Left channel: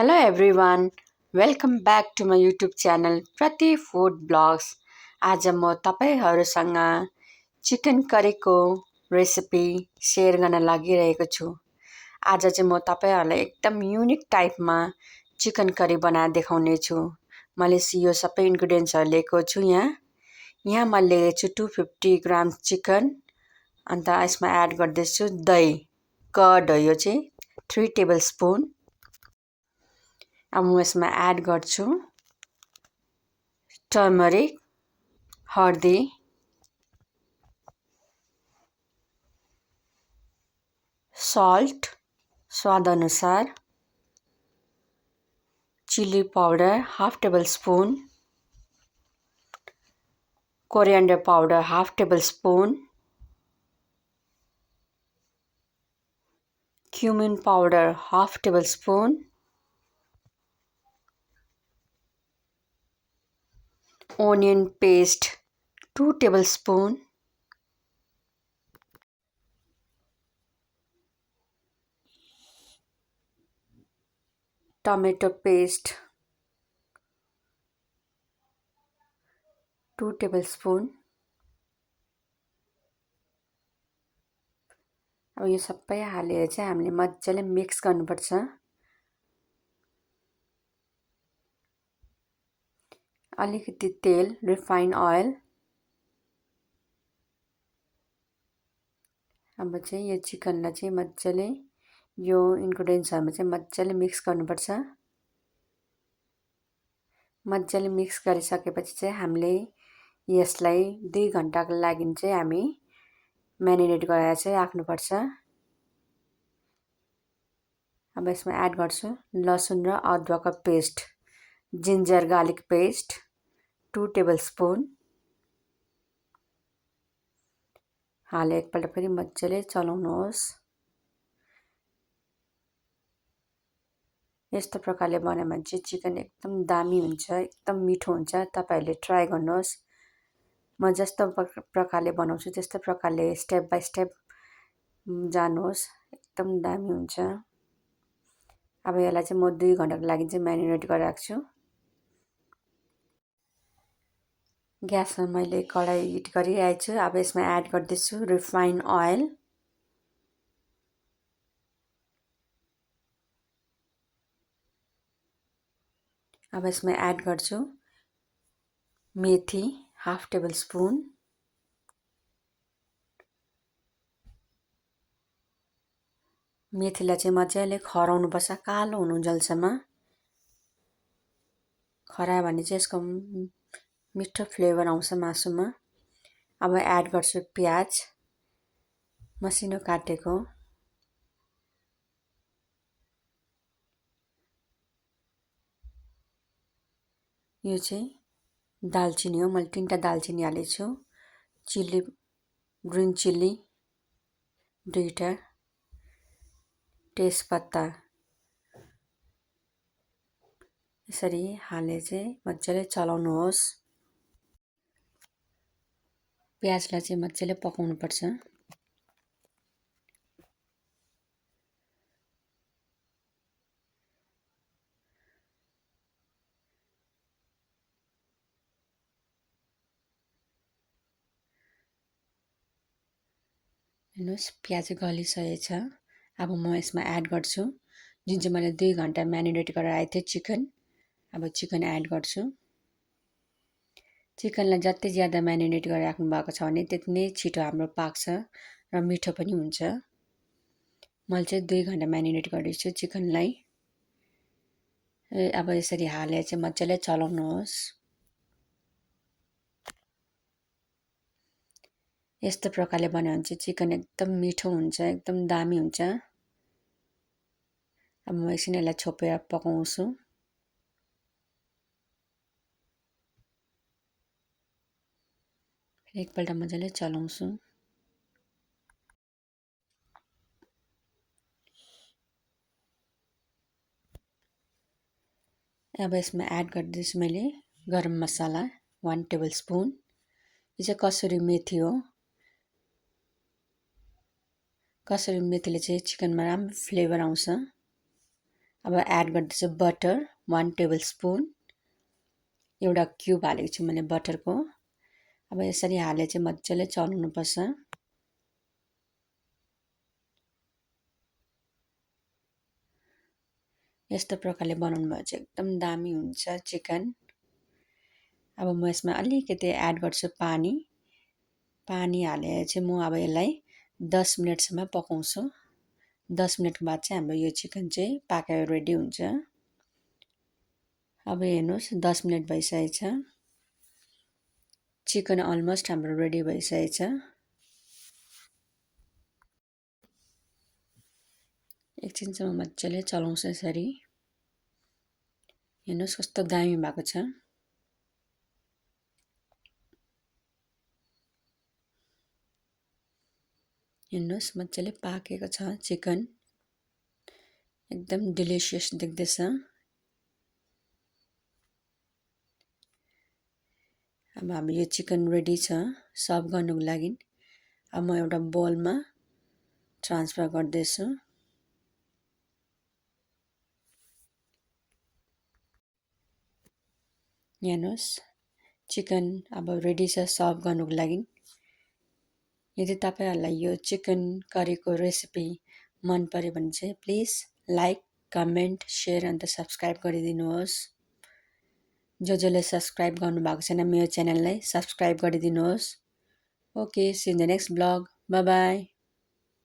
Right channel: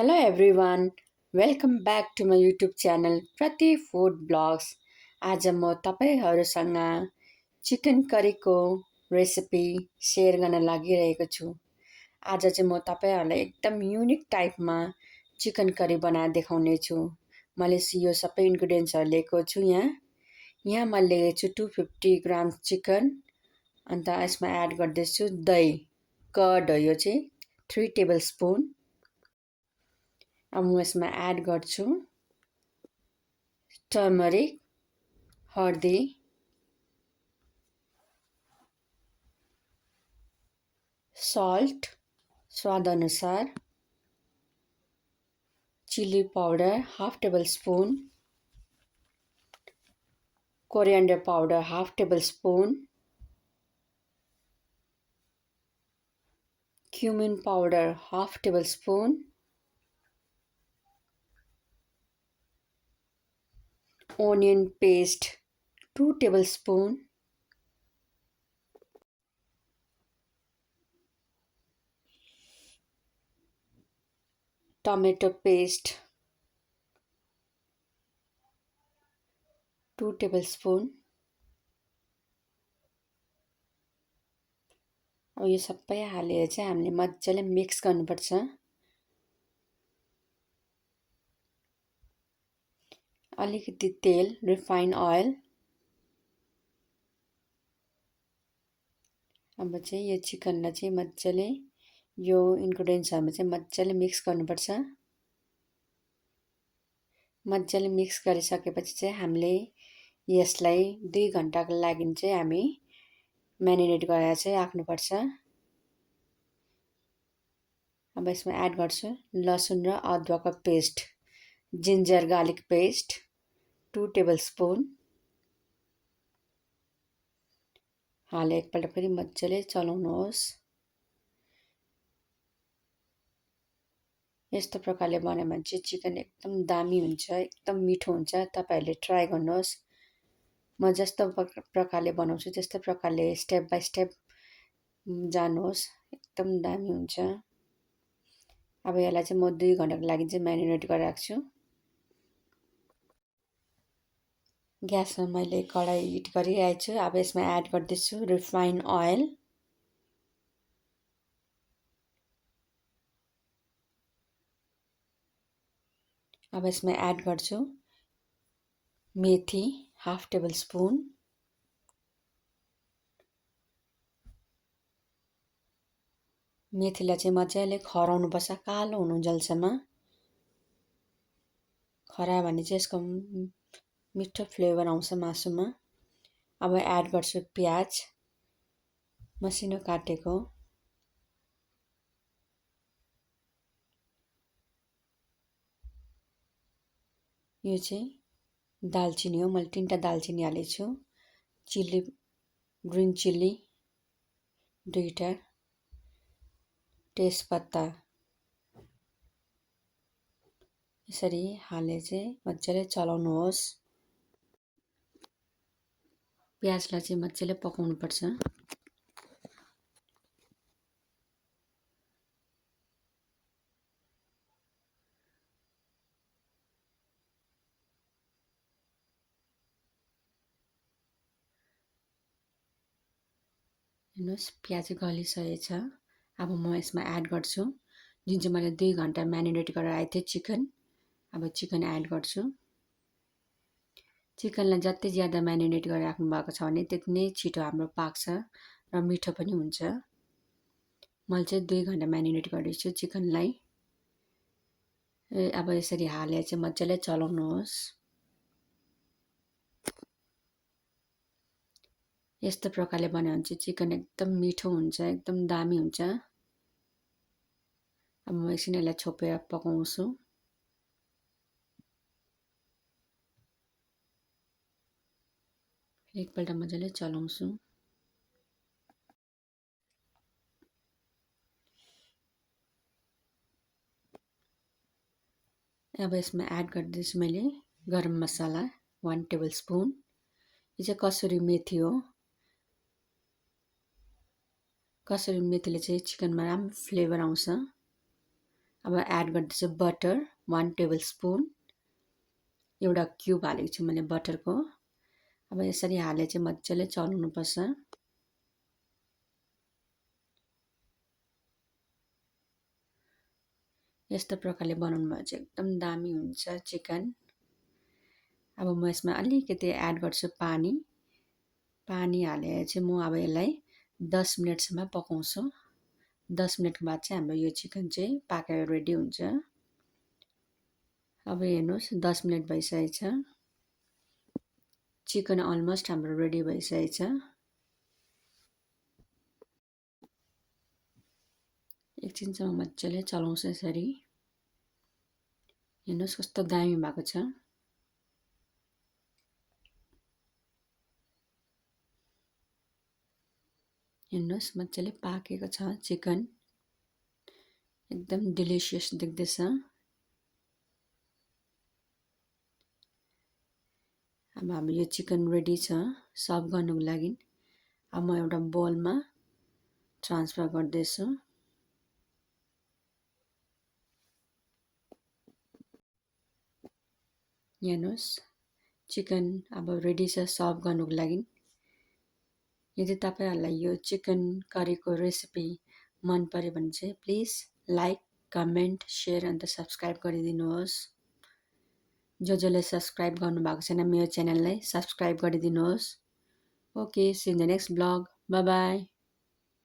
Hello everyone, welcome back to my YouTube channel प्रति food blogs. आज म तपाईहरुसँग chicken करीको recipe share गर्न लागिरहेको छु। आज चाहिँ म तपाईहरुलाई एकदम युनिक टाइपमा चिकन करी बनाएर देखाउने छु। मैले यो सबै इन्ग्रेडियन्ट्सहरु लिएको छु यहाँ मैले लिएको छु 250 ग्राम चिकन। अन्त यसमा एड गर्दैछु दही, कर्ड हो यो चाहिँ 3 टेबलस्पुन। अब म यसमा एड गर्छु टर्मरिक, हर्दी, सल्ट स्वाद अनुसार, chili powder half tablespoon, coriander powder half tablespoon, cumin powder half tablespoon, onion paste 2 tablespoon, tomato paste 2 tablespoon। अब यो सबै हालेर चाहिँ हामीले मज्जाले मिक्स गर्नुपर्छ। अलिकति तेल रिफाइन ऑयल। अब चाहिँ यो चिकनलाई चाहिँ मज्जाले यो इन्ग्रेडियन्ट्सहरुमा चाहिँ मज्जाले मिक्स गर्नुपर्छ। मज्जाले मिक्स गरिसकेपछि चाहिँ हामीले यसलाई 2 घण्टाको लागि चाहिँ हामी म्यारिनेट गरेर चाहिँ राख्नुपर्छ। अब यसमा एड गर्छु लसुन र अदुवाको पेस्ट, जिन्जर गार्लिक पेस्ट 2 टेबलस्पुन। हाले एकपल्ट फेरि मज्जाले चलाउनुहोस्। यस्तो प्रकारले बनायो भने चाहिँ चिकन एकदम दामी हुन्छ, एकदम मिठो हुन्छ। तपाईहरुले ट्राई गर्नुहोस्। म जस्तो प्रकारले बनाउँछु त्यस्तो प्रकारले स्टेप बाइ स्टेप जानुहोस्, एकदम दामी हुन्छ। अब यसलाई चाहिँ म 2 घण्टाको लागि चाहिँ म्यारिनेट गरेर राख्छु। ग्यासमा मैले कराई हिट गरिरहेको छु। अब यसमा एड गर्दैछु रिफाइन ऑयल, अब यसमा एड गर्छु मेथी हाफ टेबलस्पुन, मेथीलाई चाहिँ मजाले खराउनुपर्छ कालो हुनुन्जेलसम्म। खरायो भने चाहिँ यसको मिठो फ्लेभर आउँछ मासुमा। अब एड गर्छु प्याज मसिनो काटेको, यो चाहिँ दालचिनी हो, मैले 3टा दालचिनी हालेको छु। चिल्ली ग्रीन चिल्ली 2टा, तेजपत्ता यसरी हाले चाहिँ मजाले चलाउनुहोस्। प्याजलाई चाहिँ मजाले पकाउनुपर्छ। हेर्नुहोस् प्याज गलिसकेको छ। अब म यसमा एड गर्छु जुन चाहिँ मैले 2 घण्टा म्यारिनेट गरेर राखेको थिएँ चिकन। अब चिकन एड गर्छु। चिकनलाई जति ज्यादा म्यारिनेट गरेर राख्नु भएको छ भने त्यति नै छिटो हाम्रो पाक्छ र मिठो पनि हुन्छ। मैले चाहिँ 2 घण्टा म्यारिनेट गरेको छु चिकनलाई। अब यसरी हालेर चाहिँ मजाले चलाउनुहोस्। यस्तो प्रकारले बनायो भने चाहिँ चिकन एकदम मिठो हुन्छ, एकदम दामी हुन्छ। अब म एकछिन यसलाई छोपेर पकाउँछु। एकपल्ट मजाले चलाउँछु। अब यसमा एड गर्दैछु मैले गरम मसाला 1 टेबलस्पुन। यो चाहिँ कसुरी मेथी हो। कसुरी मेथीले चाहिँ चिकनमा राम्रो फ्लेभर आउँछ। अब एड गर्दैछु बटर 1 टेबल स्पुन। एउटा क्युब हालेको छु मैले बटरको। अब यसरी हाले चाहिँ मजाले चलाउनुपर्छ। यस्तो प्रकारले बनाउनु भयो चाहिँ एकदम दामी हुन्छ चिकन। अब म यसमा अलिकति एड गर्छु पानी। पानी हालेर चाहिँ म अब यसलाई 10 मिनटसम्म पकाउँछु। 10 मिनटको बाद चाहिँ हाम्रो यो चिकन चाहिँ पाकेर रेडी हुन्छ। अब हेर्नुहोस् 10 मिनट भइसकेको छ। चिकन अलमोस्ट हाम्रो रेडी भइसकेको छ। एकछिनसम्म मजाले चलाउँछु यसरी। हेर्नुहोस् कस्तो दामी भएको छ। हेर्नुहोस् मजाले पाकेको छ चिकन। एकदम डिलिसियस देख्दैछ। अब हाम्रो यो चिकन रेडी छ सर्भ गर्नुको लागि। अब म एउटा बोलमा ट्रान्सफर गर्दैछु। हेर्नुहोस् चिकन अब रेडी छ सर्भ गर्नुको लागि। यदि तपाईहरुलाई यो चिकन करीको रेसिपी मन पर्यो भने चाहिँ please like, comment, share and subscribe गरिदिनुहोस्। जसले सब्स्क्राइब गर्नुभएको छैन मेरो च्यानललाई सब्स्क्राइब गरिदिनुहोस्। Okay, see in the next blog. Bye by.